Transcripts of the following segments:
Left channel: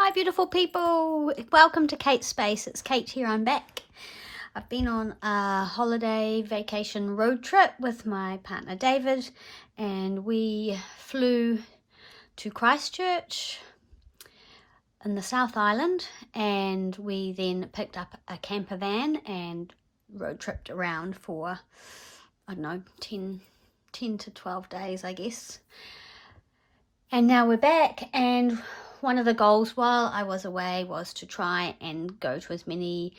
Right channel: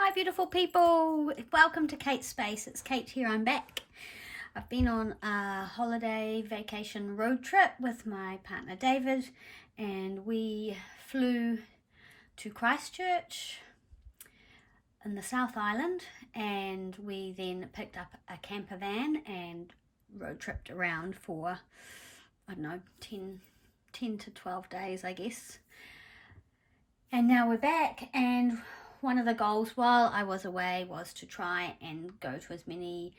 Hi beautiful people, welcome to Kate's Space. It's Kate here, I'm back. I've been on a holiday vacation road trip with my partner David, and we flew to Christchurch in the South Island, and we then picked up a camper van and road tripped around for, I don't know, 10 to 12 days I guess. And now we're back, and one of the goals while I was away was to try and go to as many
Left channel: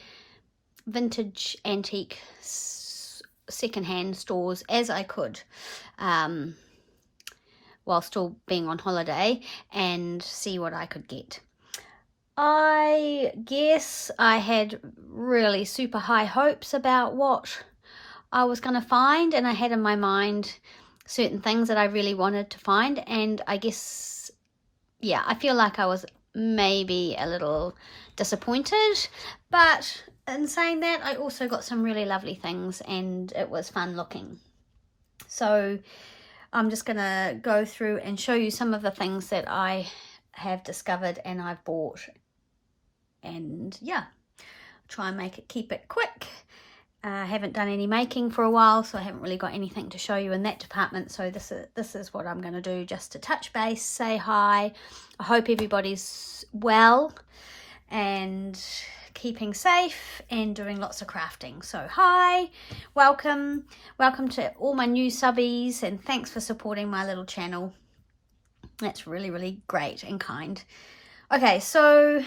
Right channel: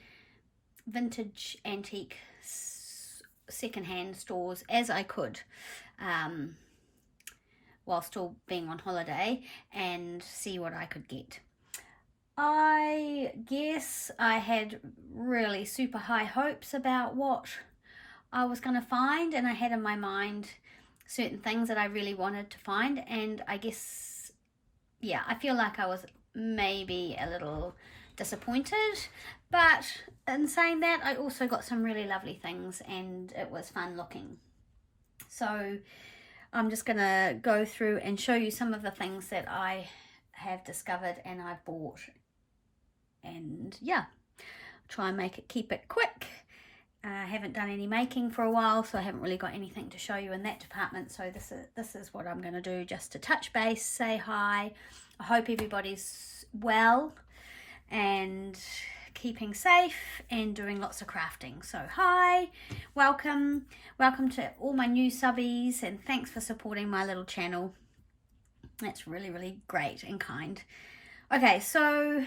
vintage antique secondhand stores as I could while still being on holiday and see what I could get. I guess I had really super high hopes about what I was going to find, and I had in my mind certain things that I really wanted to find, and I guess yeah, I feel like I was maybe a little disappointed, but in saying that, I also got some really lovely things and it was fun looking. So I'm just gonna go through and show you some of the things that I have discovered and I've bought, and yeah, try and keep it quick. I haven't done any making for a while, so I haven't really got anything to show you in that department. So this is what I'm going to do, just to touch base, say hi. I hope everybody's well and keeping safe and doing lots of crafting. So hi, welcome to all my new subbies, and thanks for supporting my little channel. That's really great and kind. Okay, so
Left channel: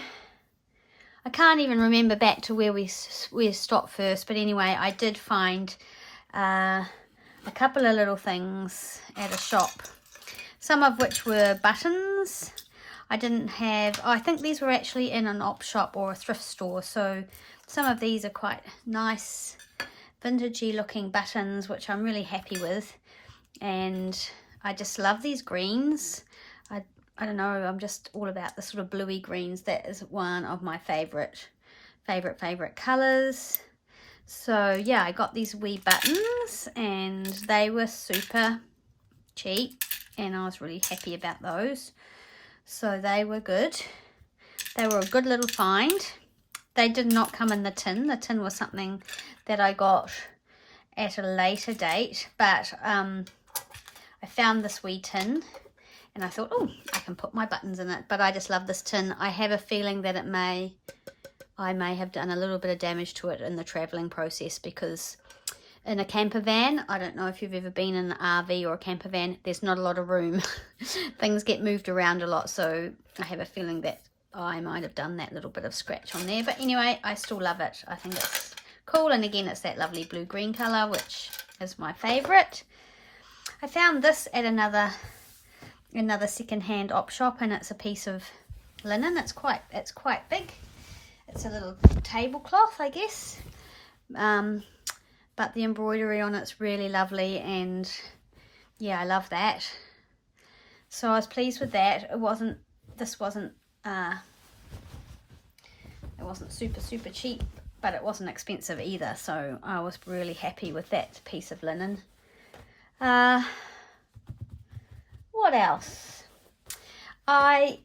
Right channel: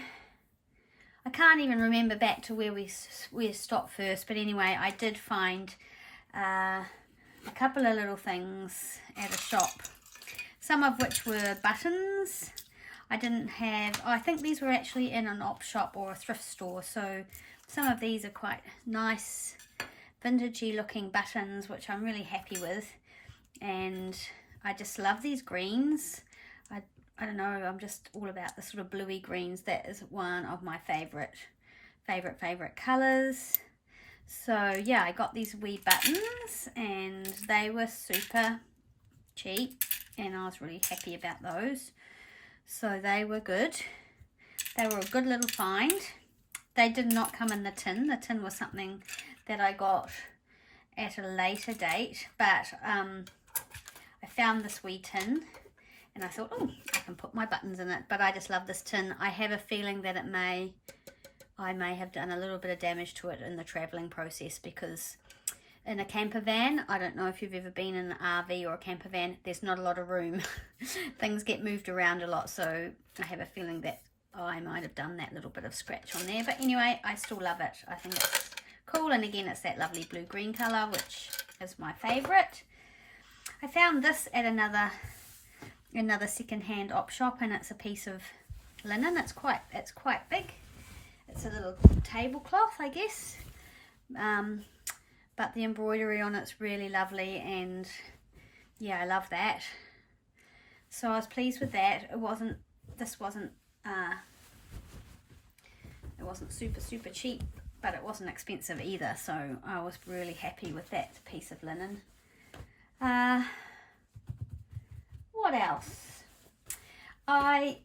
I can't even remember back to where we stopped first, but anyway, I did find a couple of little things at a shop, some of which were buttons. I didn't have, I think these were actually in an op shop or a thrift store, so some of these are quite nice vintagey looking buttons, which I'm really happy with, and I just love these greens. I don't know, I'm just all about the sort of bluey greens. That is one of my favorite colors. So yeah, I got these wee buttons and they were super cheap and I was really happy about those. So they were good. They were a good little find. They did not come in the tin. The tin was something that I got at a later date, but I found this wee tin and I thought, oh, I can put my buttons in it. But I just love this tin. I have a feeling that I may have done a little bit of damage to it in the traveling process, because in a camper van, I don't know if you've ever been in an RV or a camper van, there's not a lot of room. Things get moved around a lot, so I have a feeling that I might have done that little bit of scratch on there. But anyway, I still love it. I think it's cool, and again, it's that lovely blue-green colour, which is my favourite. I found this at another second-hand op shop, and it's a piece of linen. It's quite big. It's a little tablecloth, I guess, but the embroidery on it's really lovely, and yeah, I love that. So I was pleased with that. It wasn't super cheap, but it wasn't expensive either, so I was really happy with that piece of linen. What else? I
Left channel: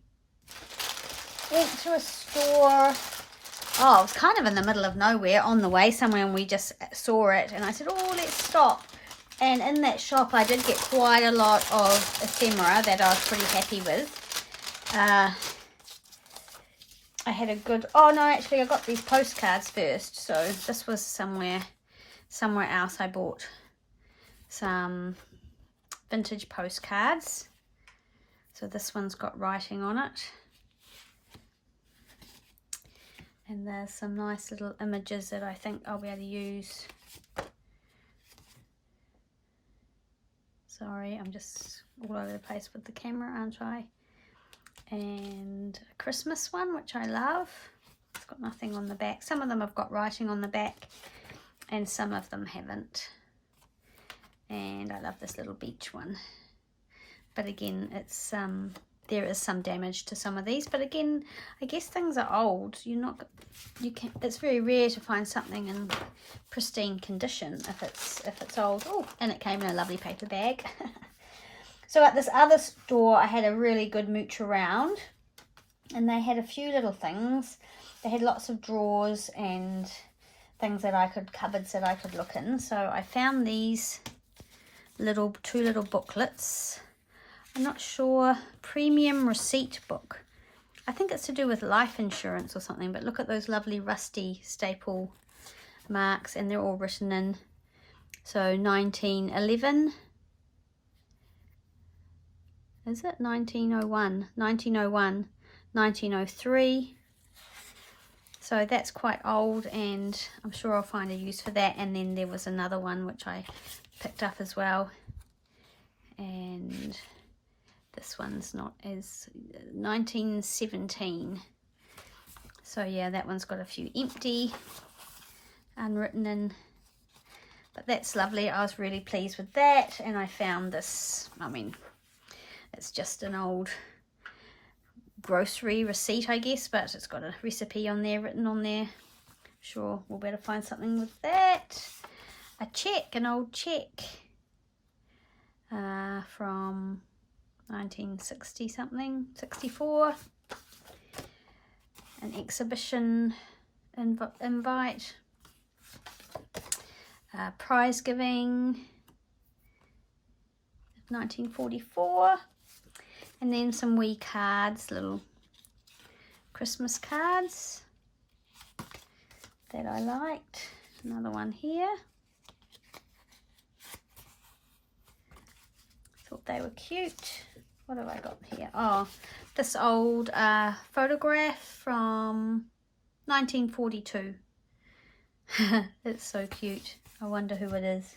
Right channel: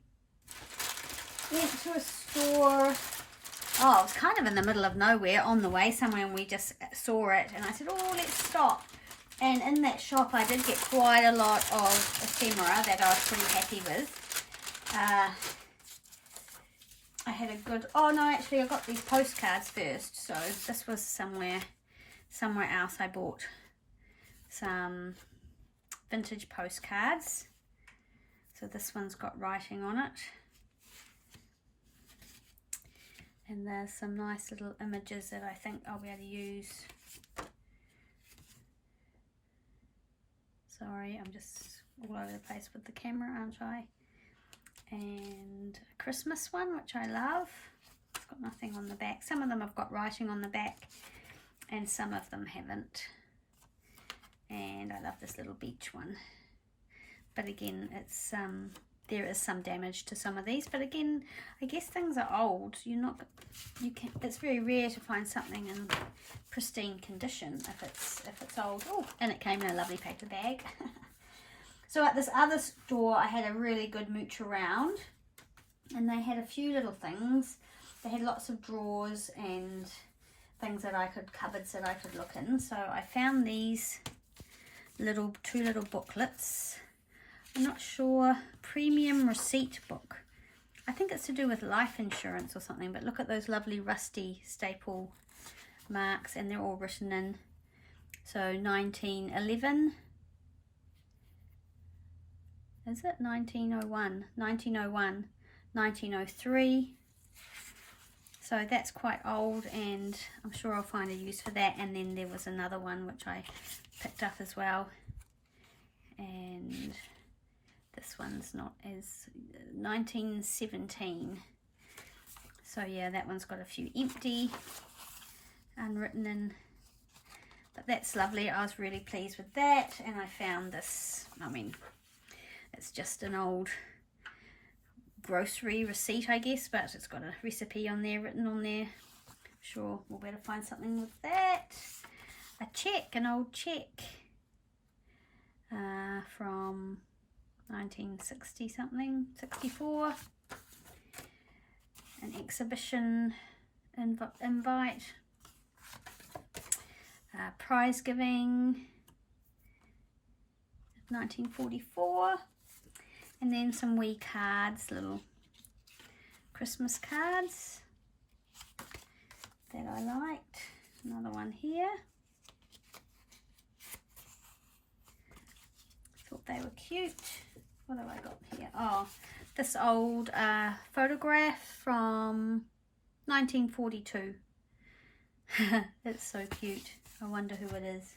went to a store. Oh, it was kind of in the middle of nowhere on the way somewhere, and we just saw it and I said, oh, let's stop. And in that shop I did get quite a lot of ephemera that I was pretty happy with. I had a good, oh no, actually I got these postcards first. So this was somewhere else. I bought some vintage postcards. So this one's got writing on it. And there's some nice little images that I think I'll be able to use. Sorry, I'm just all over the place with the camera, aren't I? And a Christmas one, which I love. It's got nothing on the back. Some of them have got writing on the back and some of them haven't. And I love this little beach one. But again, it's there is some damage to some of these, but again, I guess things are old. It's very rare to find something in pristine condition if it's old. Oh, and it came in a lovely paper bag. So at this other store, I had a really good mooch around, And they had a few little things. They had lots of drawers and things that cupboards that I could look in. So I found these two little booklets. I'm not sure. Premium receipt book. I think it's to do with life insurance or something, but look at those lovely rusty staple marks, and they're all written in. So 1911. Is it 1901? 1901, 1903. So that's quite old, and I'm sure I'll find a use for that. And then there was another one which I picked up as well. And this one's not as 1917. So yeah, that one's got a few empty, unwritten in. But that's lovely. I was really pleased with that. And I found this, I mean, it's just an old grocery receipt, I guess, but it's got a recipe on there, written on there. Sure, we'll better find something with that. A check, an old check from 1960 something, 64. An exhibition invite. Prize giving, 1944. And then some wee cards, little Christmas cards that I liked. Another one here. Thought they were cute. What have I got here? Oh, this old photograph from 1942. It's so cute. I wonder who it is.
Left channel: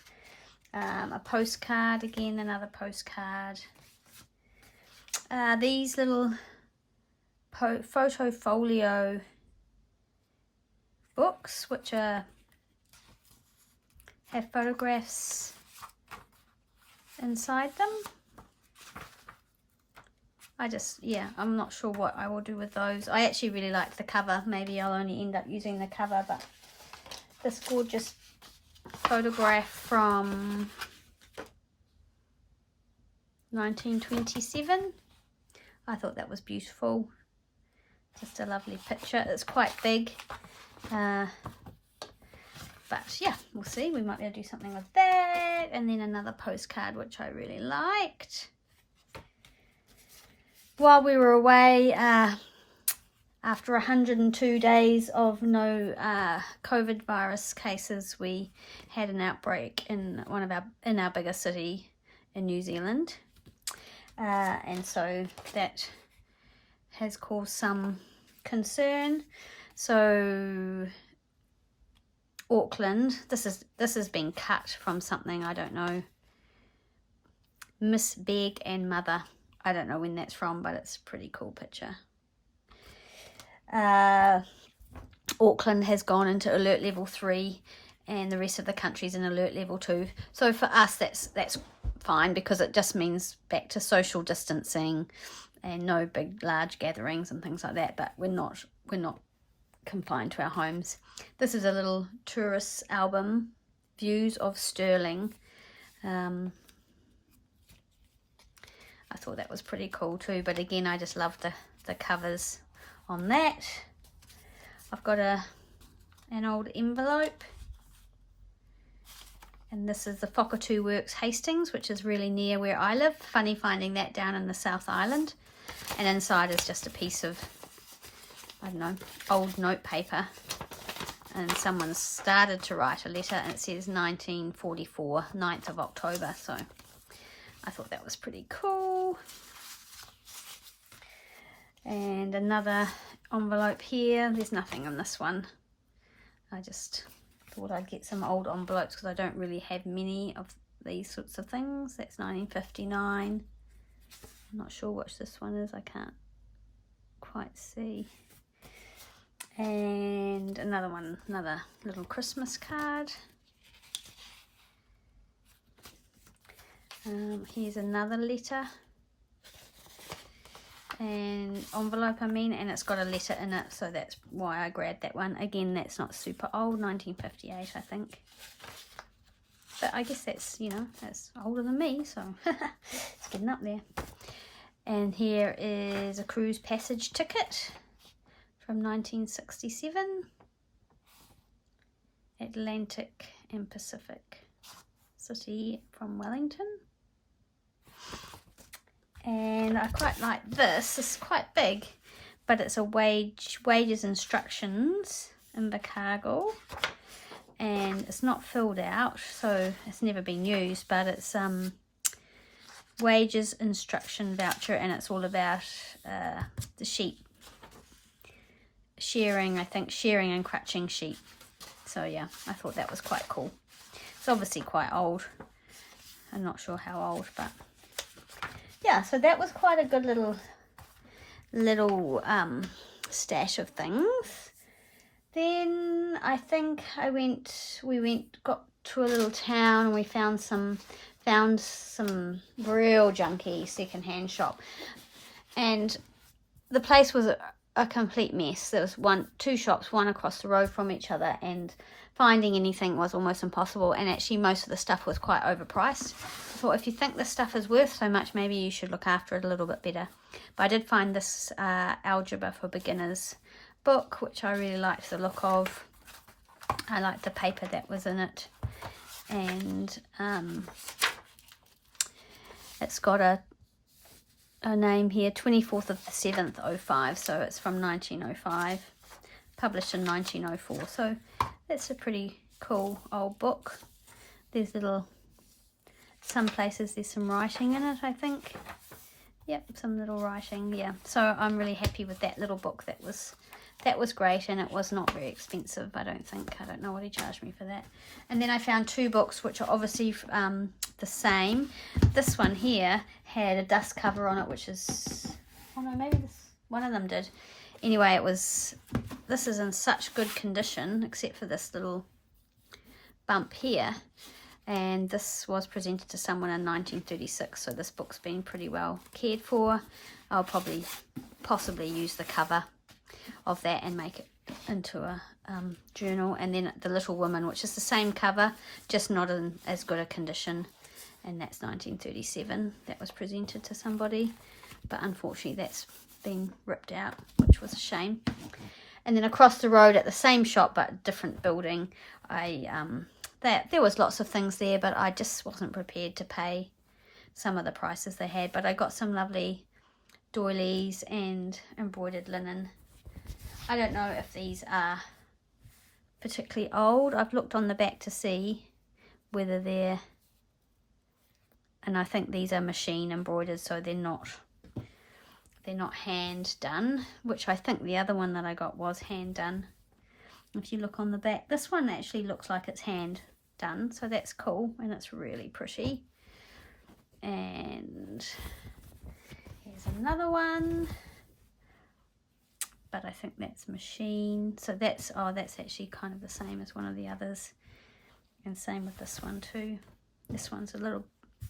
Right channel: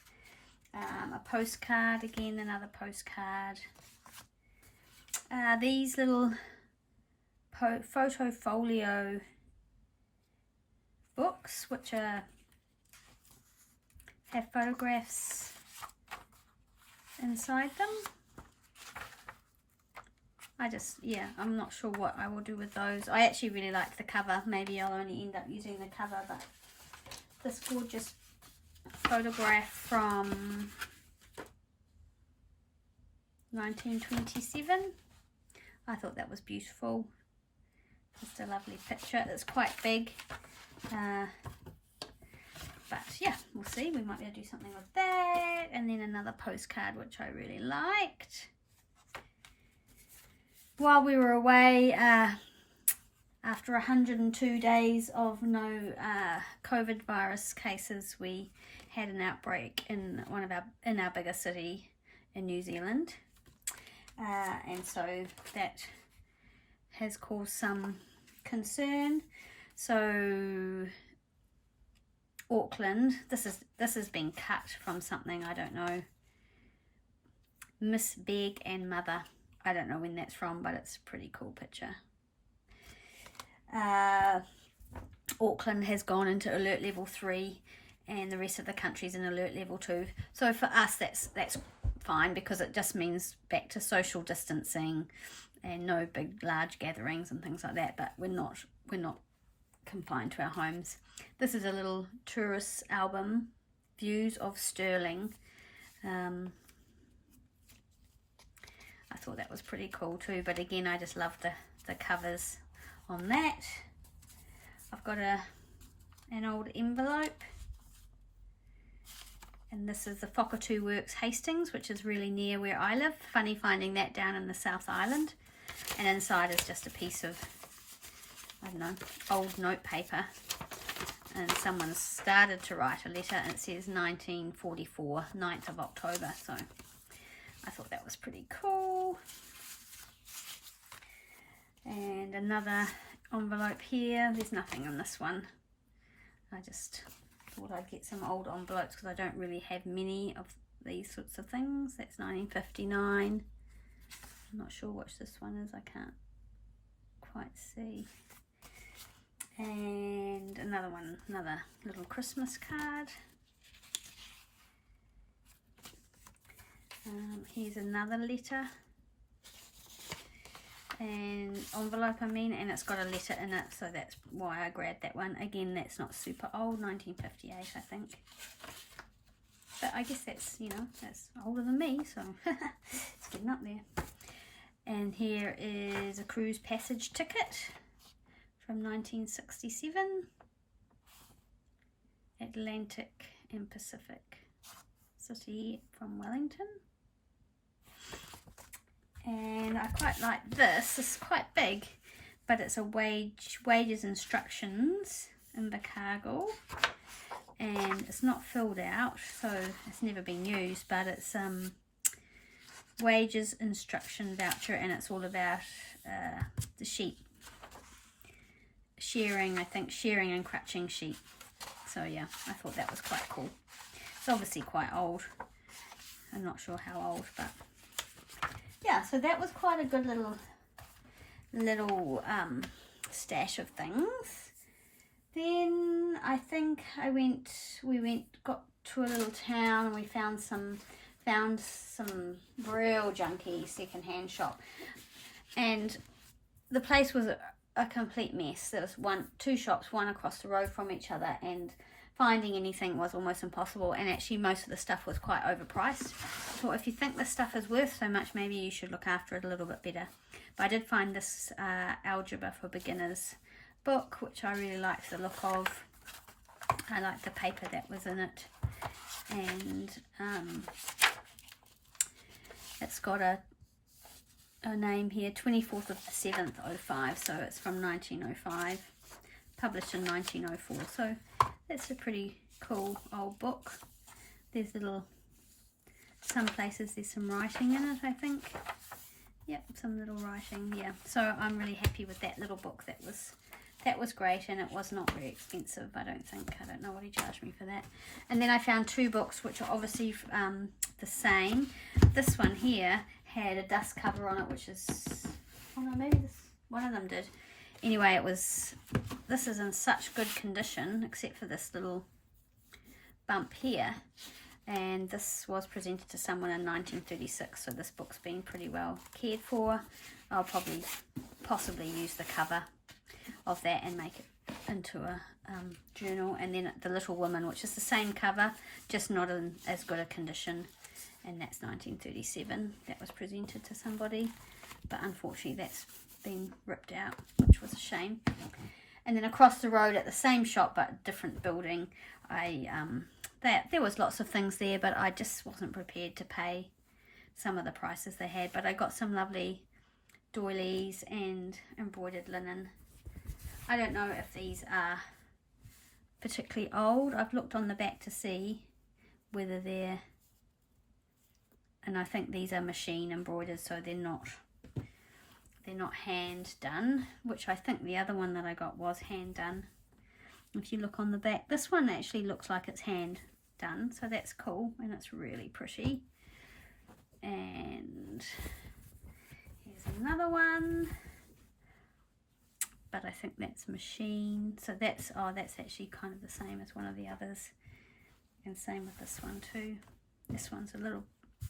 A postcard again, another postcard. These little photo folio books, which have photographs inside them. I'm not sure what I will do with those. I actually really like the cover. Maybe I'll only end up using the cover, but this gorgeous photograph from 1927. I thought that was beautiful. Just a lovely picture. It's quite big. But yeah, we'll see. We might be able to do something with that. And then another postcard, which I really liked. While we were away, after 102 days of no COVID virus cases, we had an outbreak in our biggest city in New Zealand. And so that has caused some concern. So Auckland, this has been cut from something, I don't know. Miss Beg and Mother. I don't know when that's from, but it's a pretty cool picture. Auckland has gone into alert level 3, and the rest of the country's in alert level 2. So for us, that's fine, because it just means back to social distancing and no big large gatherings and things like that. But we're not confined to our homes. This is a little tourist album, Views of Stirling. I thought that was pretty cool too, but again, I just love the covers on that. I've got an old envelope, and this is the Whakatū Works Hastings, which is really near where I live. Funny finding that down in the South Island. And inside is just a piece of, I don't know, old note paper, and someone started to write a letter, and it says 1944, 9th of October. So I thought that was pretty cool. And another envelope here. There's nothing in this one. I just thought I'd get some old envelopes because I don't really have many of these sorts of things. That's 1959. I'm not sure which this one is. I can't quite see. And another one, another little Christmas card. Here's another letter and envelope, and it's got a letter in it, so that's why I grabbed that one. Again, that's not super old, 1958 I think, but I guess that's, you know, that's older than me, so it's getting up there. And here is a cruise passage ticket from 1967. Atlantic and Pacific City from Wellington. And I quite like this. It's quite big, but it's a wages instructions in the cargo, and it's not filled out, so it's never been used, but it's wages instruction voucher, and it's all about the sheep shearing, I think, shearing and crutching sheep. So yeah, I thought that was quite cool. It's obviously quite old. I'm not sure how old, but yeah, so that was quite a good little stash of things. Then I think we got to a little town, and we found some real junky secondhand shop, and the place was a complete mess. There was two shops, one across the road from each other, and finding anything was almost impossible, and actually most of the stuff was quite overpriced. I thought, if you think this stuff is worth so much, maybe you should look after it a little bit better. But I did find this Algebra for Beginners book, which I really liked the look of. I liked the paper that was in it, and it's got a name here, 24th of the 7th, 05, so it's from 1905, published in 1904, so that's a pretty cool old book. There's some places there's some writing in it, I think. Yep, some little writing, yeah. So I'm really happy with that little book. That was great, and it was not very expensive, I don't think. I don't know what he charged me for that. And then I found two books which are obviously the same. This one here had a dust cover on it, which is, oh no, maybe one of them did. Anyway, this is in such good condition, except for this little bump here. And this was presented to someone in 1936, so this book's been pretty well cared for. I'll possibly use the cover of that and make it into a journal. And then The Little Woman, which is the same cover, just not in as good a condition, and that's 1937. That was presented to somebody, but unfortunately that's been ripped out, which was a shame. And then across the road at the same shop but different building, there was lots of things there, but I just wasn't prepared to pay some of the prices they had. But I got some lovely doilies and embroidered linen. I don't know if these are particularly old. I've looked on the back to see whether they're, and I think these are machine embroidered, so they're not hand done, which I think the other one that I got was hand done. If you look on the back, this one actually looks like it's hand done, so that's cool, and it's really pretty. And here's another one, but I think that's machine, so that's actually kind of the same as one of the others, and same with this one too. This one's a little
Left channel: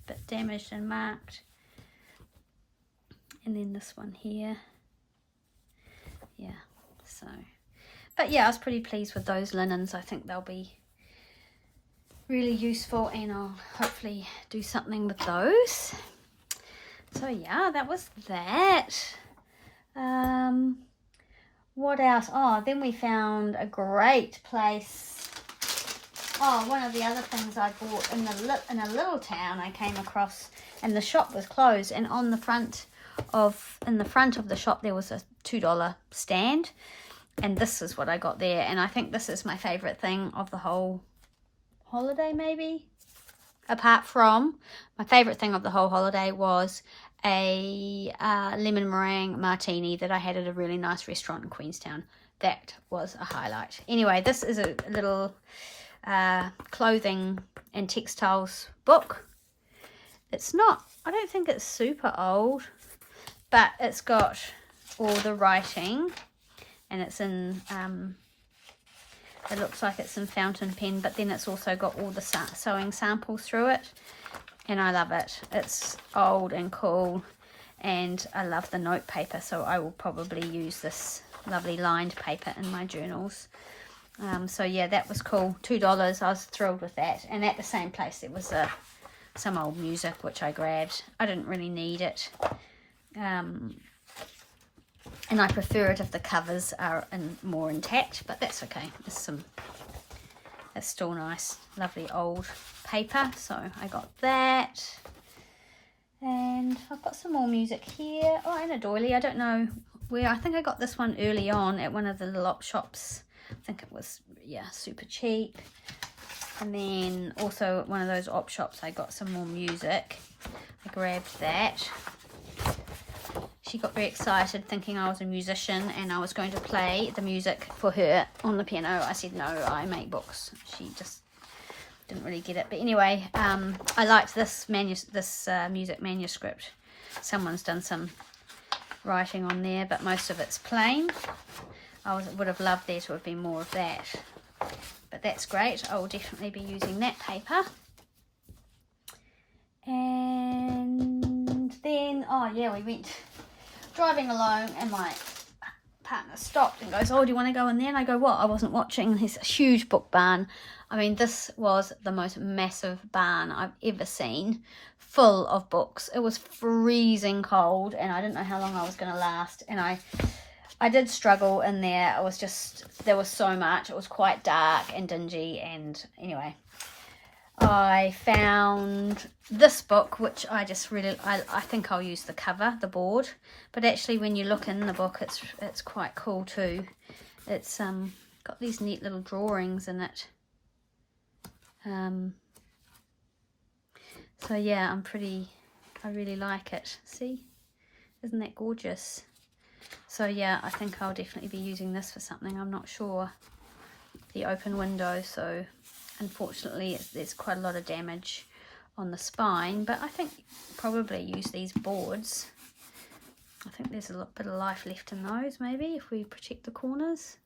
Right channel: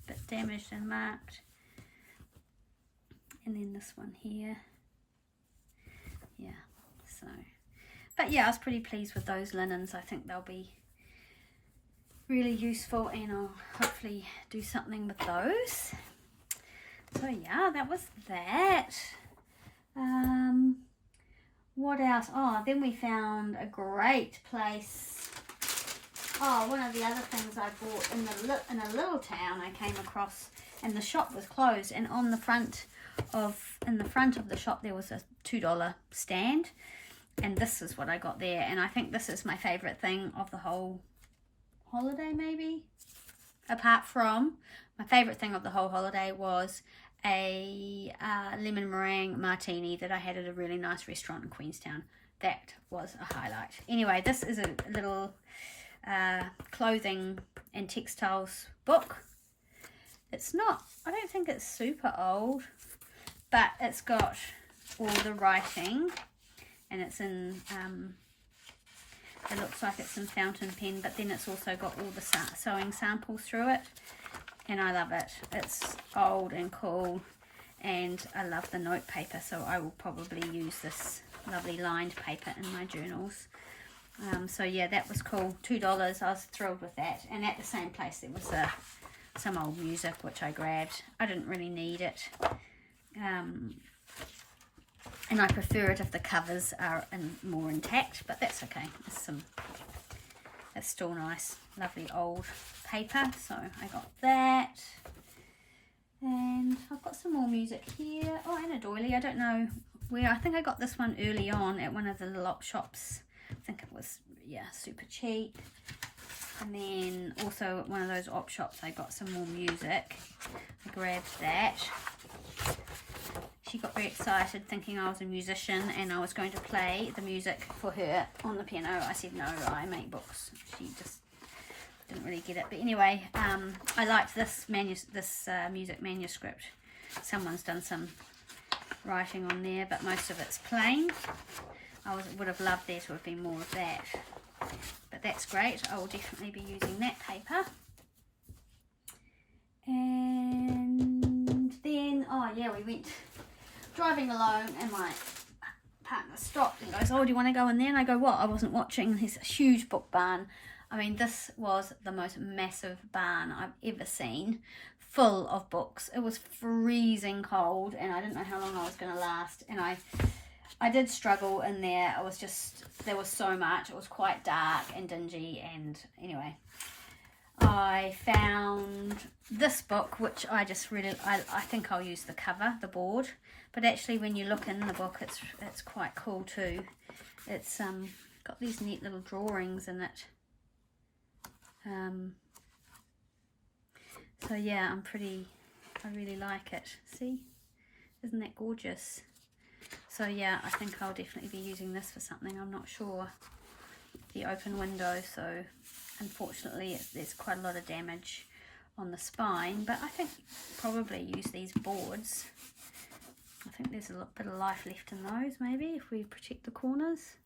bit damaged and marked, and then this one here, yeah. So, but yeah, I was pretty pleased with those linens. I think they'll be really useful, and I'll hopefully do something with those. So yeah, that was that. What else? Oh, then we found a great place. Oh, one of the other things I bought in a little town I came across, and the shop was closed, and in the front of the shop there was a $2 stand, and this is what I got there. And I think this is my favorite thing of the whole holiday, maybe, apart from my favorite thing of the whole holiday was a lemon meringue martini that I had at a really nice restaurant in Queenstown. That was a highlight. Anyway, this is a little clothing and textiles book. It's not, I don't think it's super old, but it's got all the writing, and it's in it looks like it's in fountain pen, but then it's also got all the sewing samples through it, and I love it. It's old and cool, and I love the note paper, so I will probably use this lovely lined paper in my journals. So yeah, that was cool. $2, I was thrilled with that. And at the same place there was some old music which I grabbed. I didn't really need it. And I prefer it if the covers are more intact, but that's okay. It's still nice, lovely old paper. So I got that. And I've got some more music here. Oh, and a doily. I don't know where. I think I got this one early on at one of the little op shops. I think it was, yeah, super cheap. And then also at one of those op shops I got some more music. I grabbed that. She got very excited thinking I was a musician and I was going to play the music for her on the piano. I said no, I make books. She just didn't really get it. But anyway, I liked this music manuscript. Someone's done some writing on there, but most of it's plain. Would have loved there to have been more of that. But that's great. I will definitely be using that paper. And then, oh yeah, we went driving alone and my partner stopped and goes, oh, do you want to go in there? And I go, what? I wasn't watching. There's a huge book barn. I mean, this was the most massive barn I've ever seen, full of books. It was freezing cold and I didn't know how long I was going to last. And I did struggle in there. It was just, there was so much. It was quite dark and dingy. And anyway, I found this book, which I just really, I think I'll use the cover, the board. But actually when you look in the book, it's quite cool too. It's got these neat little drawings in it. So yeah, I really like it. See, isn't that gorgeous? So yeah, I think I'll definitely be using this for something. I'm not sure. The open window, so unfortunately there's quite a lot of damage on the spine, but I think probably use these boards. I think there's a bit of life left in those, maybe, if we protect the corners.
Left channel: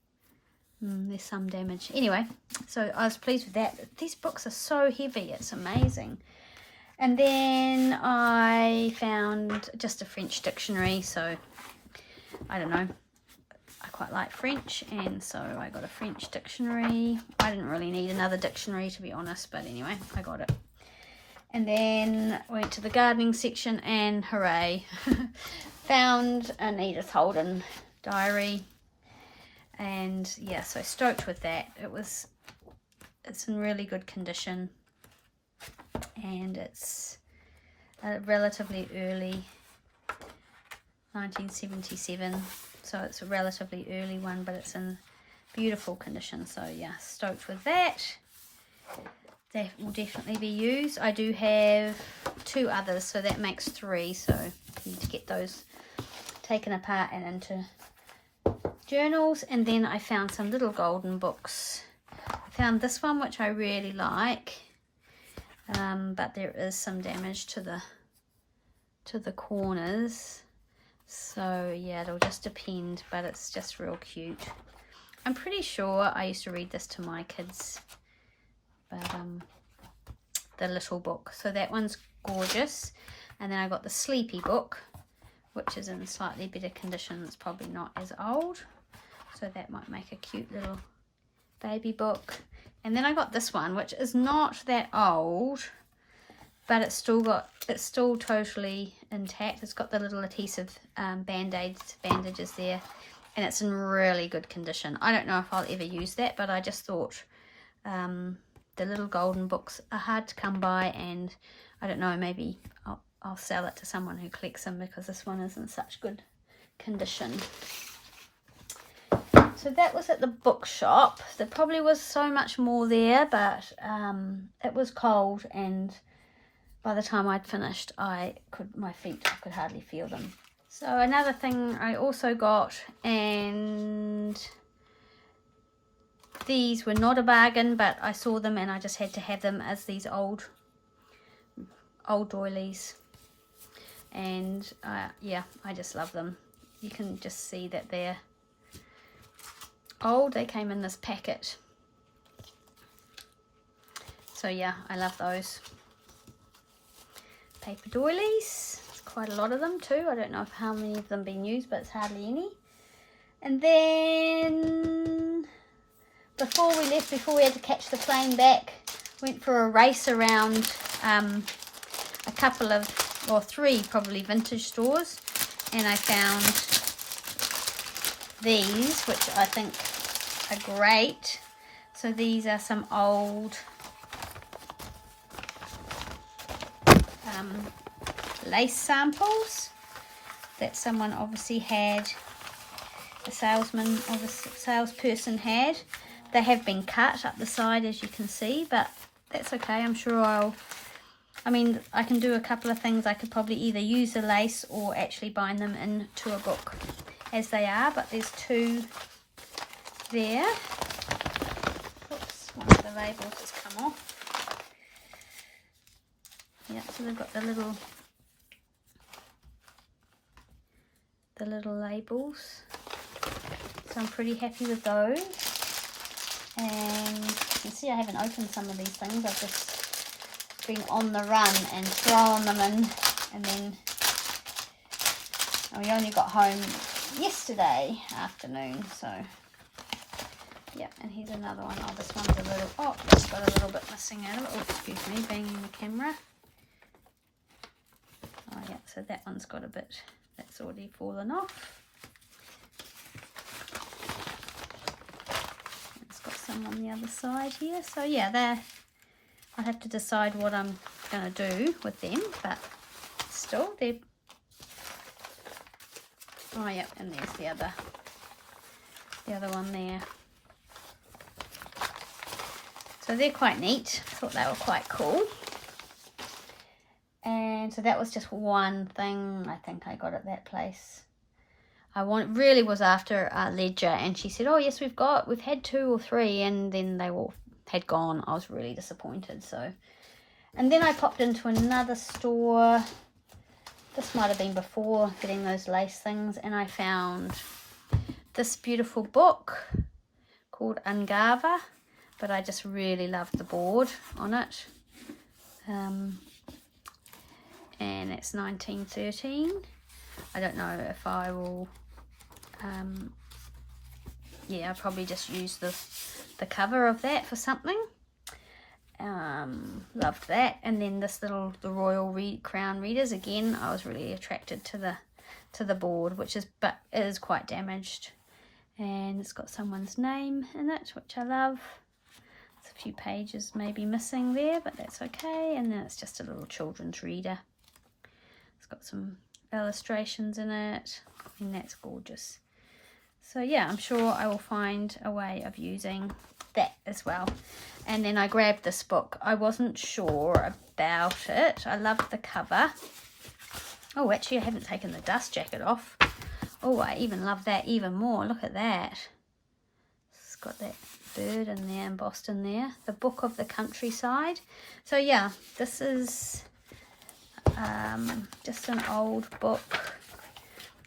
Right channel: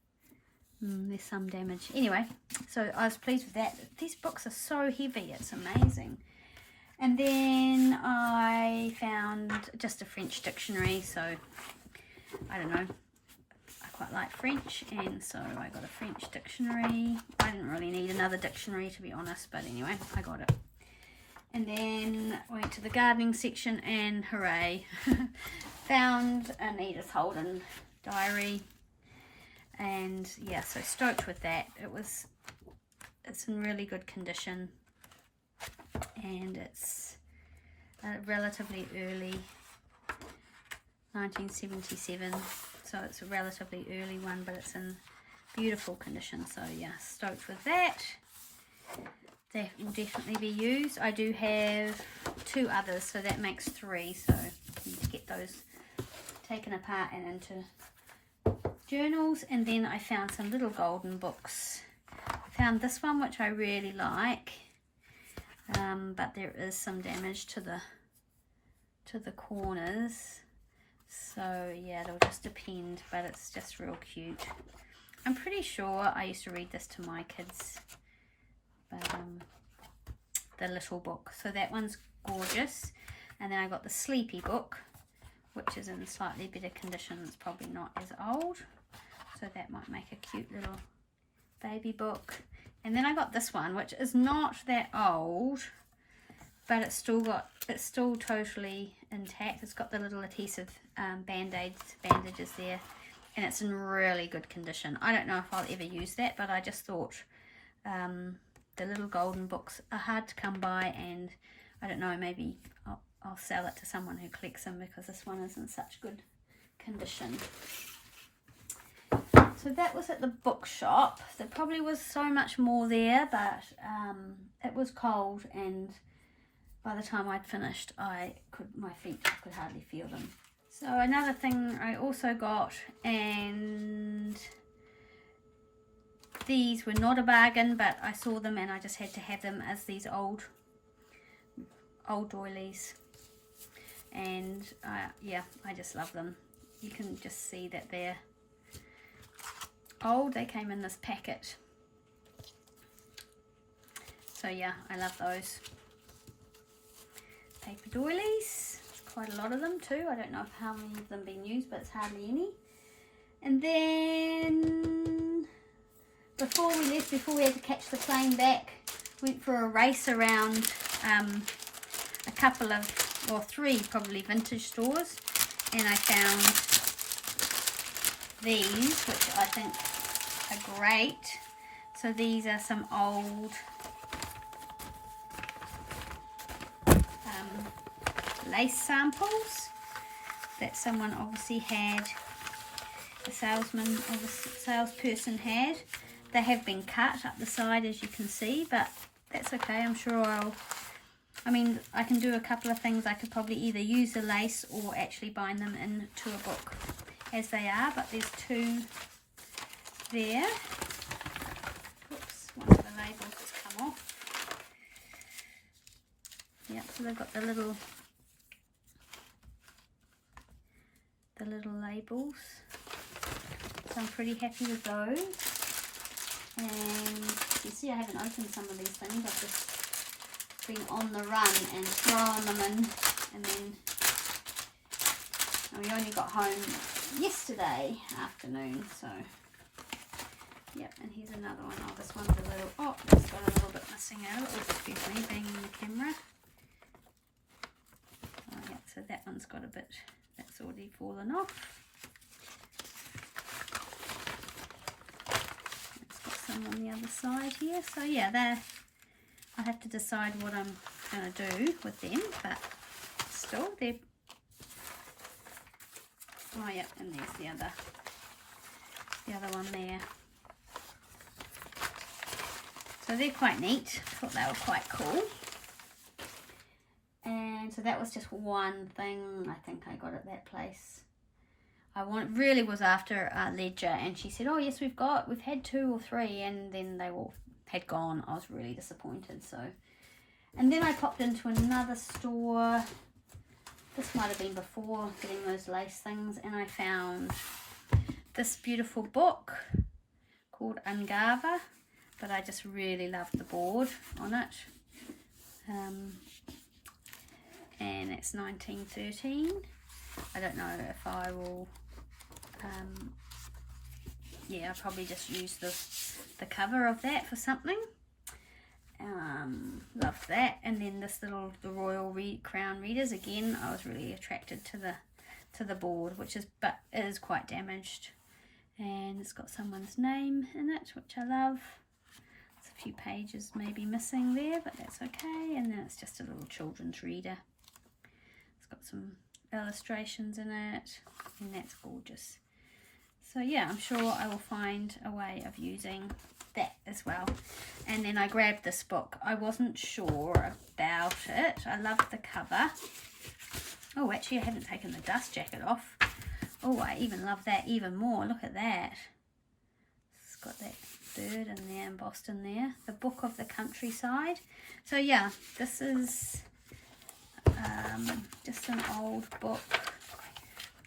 There's some damage. Anyway, so I was pleased with that. These books are so heavy, it's amazing. And then I found just a French dictionary, so I don't know. I quite like French, and so I got a French dictionary. I didn't really need another dictionary, to be honest, but anyway, I got it. And then went to the gardening section and hooray, found an Edith Holden diary. And yeah, so stoked with that. It's in really good condition, and it's a relatively early 1977, so it's a relatively early one, but it's in beautiful condition. So yeah, stoked with that. That will definitely be used. I do have 2 others, so that makes 3, so I need to get those taken apart and into journals. And then I found some little golden books. I found this one, which I really like, but there is some damage to the corners, so yeah, it'll just depend, but it's just real cute. I'm pretty sure I used to read this to my kids, but the little book. So that one's gorgeous. And then I got the Sleepy book, which is in slightly better condition. It's probably not as old, so that might make a cute little baby book. And then I got this one, which is not that old, but it's still totally intact. It's got the little adhesive bandages there, and it's in really good condition. I don't know if I'll ever use that, but I just thought the little golden books are hard to come by, and I don't know, maybe I'll sell it to someone who collects them, because this one is in such good condition. So that was at the bookshop. There probably was so much more there, but it was cold, and by the time I'd finished, my feet, I could hardly feel them. So another thing I also got, and these were not a bargain, but I saw them and I just had to have them as these old doilies. And yeah, I just love them. You can just see that they're old. They came in this packet. So yeah, I love those paper doilies. Quite a lot of them too. I don't know how many of them been used, but it's hardly any. And then before we left, before we had to catch the plane back, went for a race around a couple of, or 3 probably, vintage stores, And I found these, which I think are great. So these are some old lace samples that someone obviously had, a salesman or a salesperson had. They have been cut up the side, as you can see, but that's okay. I'm sure I can do a couple of things. I could probably either use the lace or actually bind them into a book as they are, but there's two there. Oops, one of the labels has come off. Yeah, so they've got the little labels. So I'm pretty happy with those. And you can see I haven't opened some of these things. I've just been on the run and thrown them in, and then we only got home yesterday afternoon, so yep. And here's another one. Oh, this one's a little, oh, it's got a little bit missing out. Oh, excuse me, being on the camera. Oh yeah, so that one's got a bit, that's already fallen off. It's got some on the other side here. So yeah, there, I have to decide what I'm going to do with them, but still they're, oh yep, and there's the other one there. So they're quite neat. I thought they were quite cool. And so that was just one thing I think I got at that place. Really was after a ledger, and she said, oh yes, we've had 2 or 3, and then they all had gone. I was really disappointed. So, and then I popped into another store. This might have been before getting those lace things, and I found this beautiful book called Ungava, but I just really loved the board on it. And it's 1913. I don't know if I will, yeah, I'll probably just use the cover of that for something. Loved that. And then this the Royal Crown Readers, again, I was really attracted to the board, which is, but it is quite damaged, and it's got someone's name in it, which I love. There's a few pages maybe missing there, but that's okay. And then it's just a little children's reader. It's got some illustrations in it, and that's gorgeous. So yeah, I'm sure I will find a way of using that as well. And then I grabbed this book. I wasn't sure about it. I loved the cover. Oh, actually I haven't taken the dust jacket off. Oh, I even love that even more. Look at that. It's got that bird in there, embossed in there. The Book of the Countryside. So yeah, this is just an old book,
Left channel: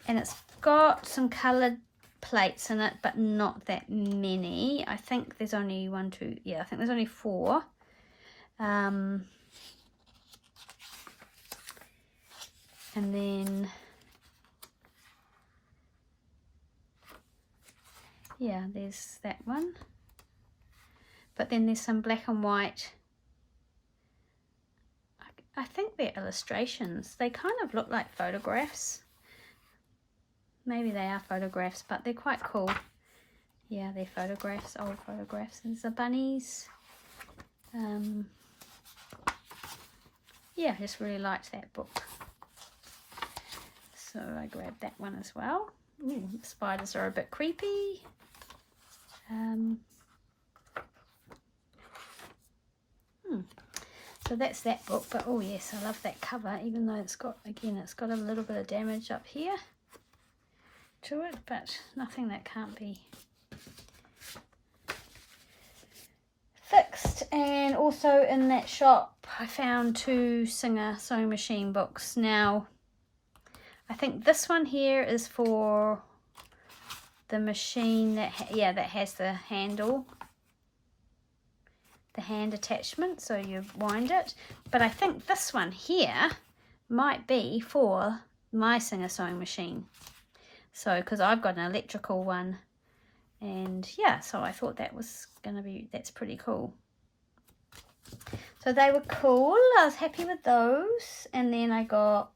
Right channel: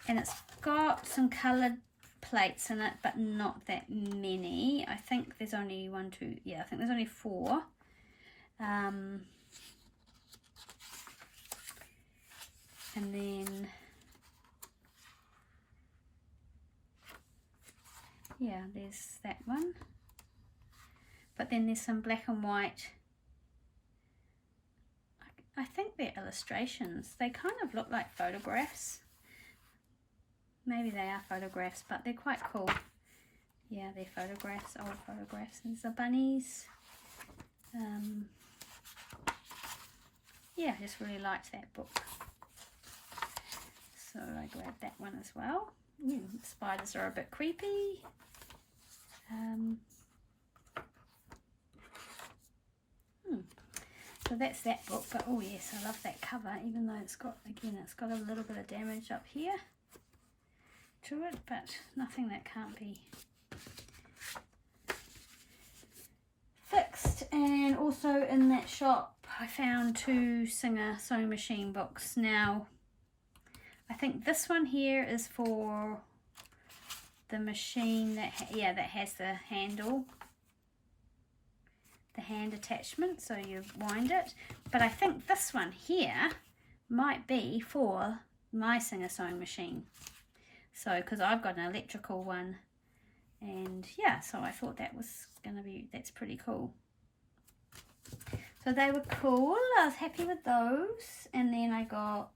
and it's got some coloured plates in it, but not that many. I think there's only 1, 2, yeah, I think there's only 4. And then yeah, there's that one, but then there's some black and white. I think they're illustrations. They kind of look like photographs. Maybe they are photographs, but they're quite cool. Yeah, they're photographs, old photographs. There's the bunnies. Yeah, I just really liked that book. So I grabbed that one as well. Ooh, the spiders are a bit creepy. So that's that book, but oh yes, I love that cover, even though it's got, again, it's got a little bit of damage up here to it, but nothing that can't be fixed. And also in that shop I found 2 Singer sewing machine books. Now I think this one here is for the machine that that has the handle, the hand attachment, so you wind it. But I think this one here might be for my Singer sewing machine. So, because I've got an electrical one, and yeah, so I thought that was gonna be, that's pretty cool. So they were cool. I was happy with those. And then I got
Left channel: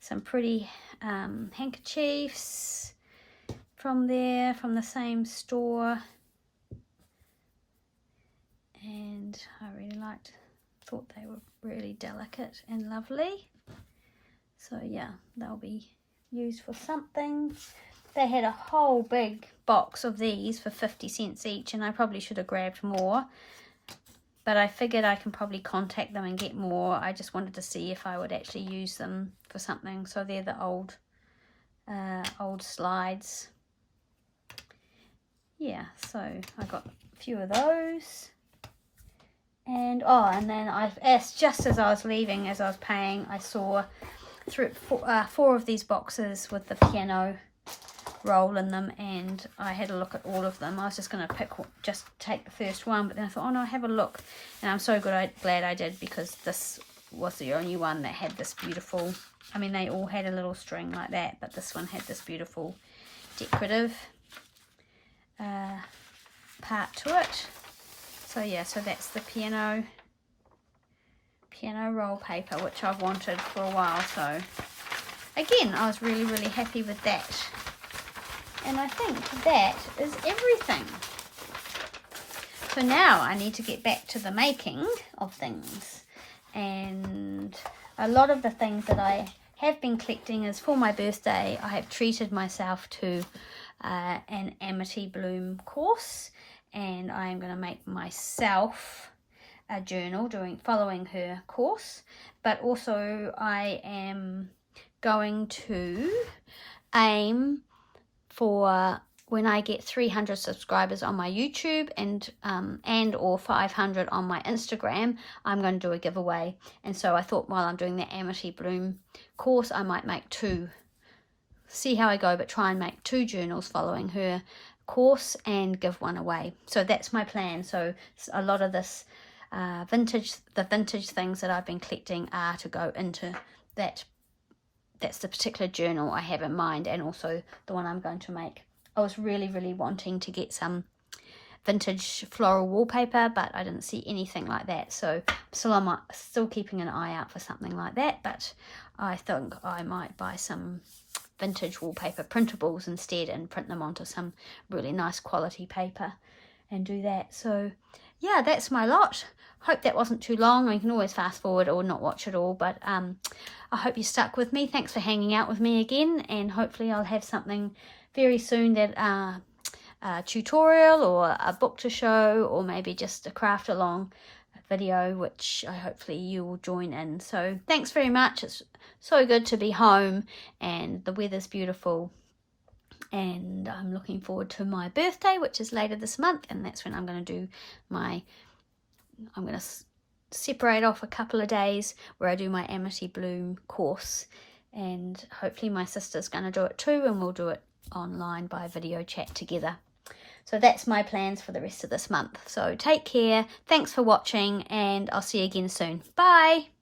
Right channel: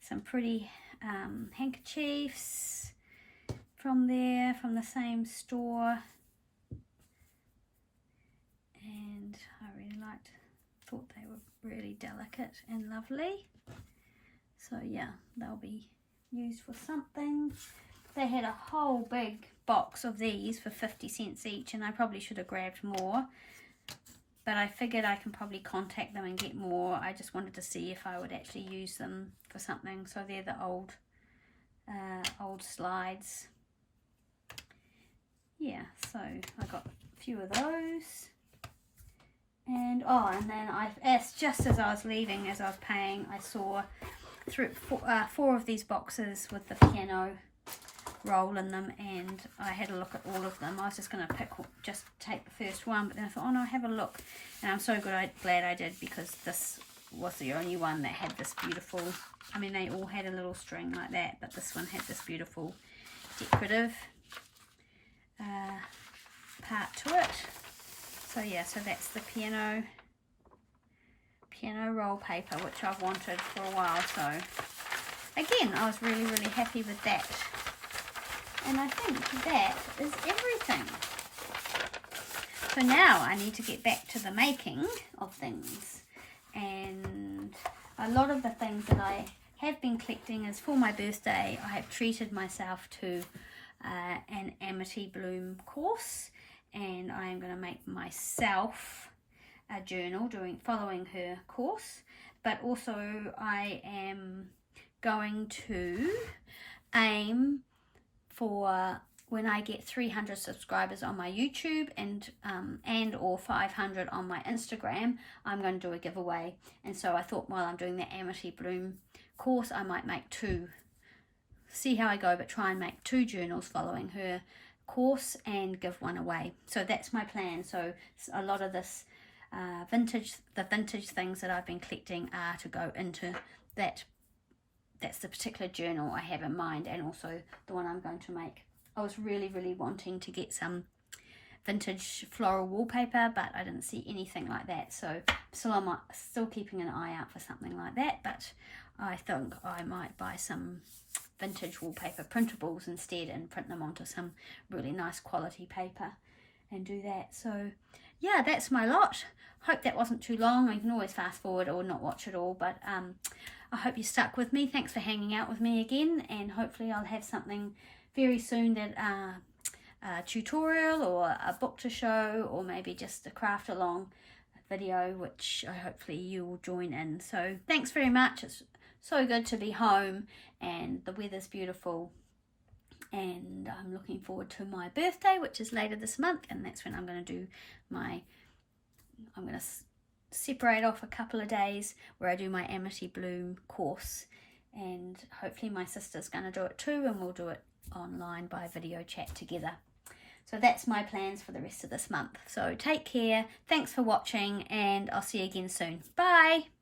some pretty handkerchiefs from there, from the same store. And I really thought they were really delicate and lovely. So yeah, they'll be used for something. They had a whole big box of these for 50 cents each, and I probably should have grabbed more, but I figured I can probably contact them and get more. I just wanted to see if I would actually use them for something. So they're the old slides. Yeah, so I got a few of those. And and then just as I was leaving, as I was paying, I saw four of these boxes with the piano roll in them, and I had a look at all of them. I was just going to take the first one, but then I thought, oh no, have a look. And I'm so glad I did, because this was the only one that had this beautiful, I mean, they all had a little string like that, but this one had this beautiful decorative part to it. So yeah, so that's the piano roll paper, which I've wanted for a while. So again, I was really, really happy with that. And I think that is everything. So now I need to get back to the making of things. And a lot of the things that I have been collecting is for my birthday. I have treated myself to an Amity Bloom course, and I am going to make myself a journal following her course. But also I am going to aim for, when I get 300 subscribers on my YouTube and or 500 on my Instagram, I'm going to do a giveaway. And so I thought, while I'm doing the Amity Bloom course, I might make two. See how I go, but try and make 2 journals following her course and give one away. So that's my plan. So a lot of this vintage things that I've been collecting are to go into that. That's the particular journal I have in mind, and also the one I'm going to make. I was really, really wanting to get some vintage floral wallpaper, but I didn't see anything like that. So I'm still keeping an eye out for something like that, but I think I might buy some vintage wallpaper printables instead and print them onto some really nice quality paper and do that. So yeah, that's my lot. Hope that wasn't too long. You can always fast forward or not watch it all, but I hope you stuck with me. Thanks for hanging out with me again, and hopefully I'll have something very soon, that a tutorial or a book to show, or maybe just a craft along video, which hopefully you will join in. So thanks very much. It's so good to be home, and the weather's beautiful, and I'm looking forward to my birthday, which is later this month, and that's when I'm going to do I'm going to separate off a couple of days where I do my Amity Bloom course, and hopefully my sister's going to do it too, and we'll do it online by video chat together. So that's my plans for the rest of this month. So take care, thanks for watching, and I'll see you again soon. Bye!